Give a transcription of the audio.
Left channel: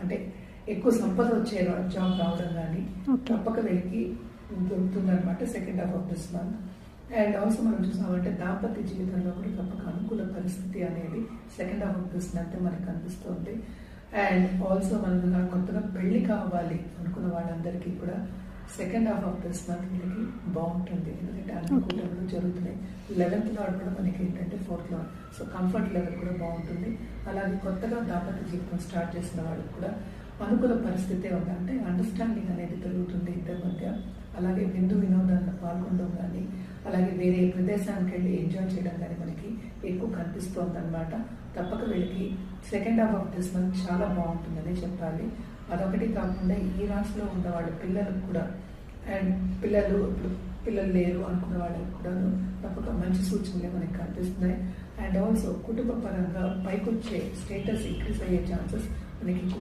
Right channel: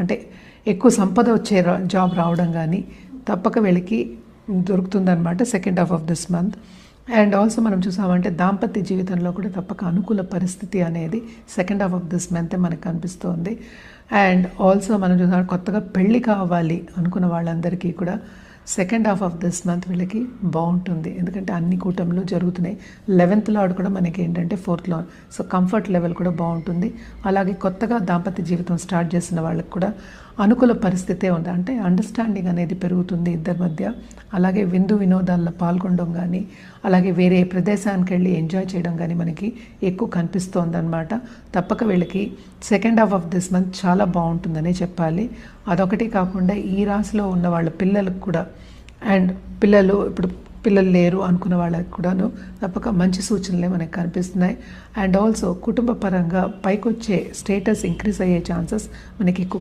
అంటే ఎక్కువ సంపద వచ్చే జాబ్ రావడం కానీ తప్పక వీళ్ళకి దొరుకుతుందన్నమాట second half of this month. And also మనం చూసామంటే దాంపత్య జీవితంలో కూడా తప్పక అనుకూల పరిస్థితి అనేది second half of this month మనకు కనిపిస్తోంది. అండ్ ఆల్సో మనం చూసాం కొత్తగా పెళ్ళి కావాలి అనుకున్న వాళ్ళందరికీ కూడా second half of this month వీళ్ళకి బాగుంటుంది. ఎందుకంటే అన్ని కూటములు జరుగుతున్నాయి. 11th లార్డ్ కూడా మనకి ఏంటంటే 4th lord, so comfort level కూడా బాగుంటుంది. అలాగే కొత్తగా దాంపత్య జీవితం స్టార్ట్ చేసిన వాళ్ళకి కూడా అనుకూల పరిస్థితే ఉంది. అంటే అండర్స్టాండింగ్ అనేది పెరుగుతుంది ఇద్దరి మధ్య. అలాగే విందు వినోదాల్లో పాల్గొనడం కానీ, అలాగే వేరే ప్రదేశానికి వెళ్ళి ఎంజాయ్ చేయడం కానీ మనకి ఎక్కువ కనిపిస్తోంది అనమాట. తప్పక వీళ్ళకి second half of this month చాలా బాగుంటుందని చెప్పాలి. అదొకటి కాకుండా ఈ రాశిలో ఉన్న వాళ్ళ పిల్లలకు కూడా, అండ్ ఇప్పుడు పిల్లలు లేరు అనుకున్న వాళ్ళకి కూడాను తప్పక మంచి సూచనలే మనకు కనిపిస్తున్నాయి. అండ్ ఆల్సో కుటుంబ పరంగా పైకొచ్చే స్టేటస్ ఇంక్రీజ్ అయ్యే ఛాన్సెస్ మనకి ఎక్కువ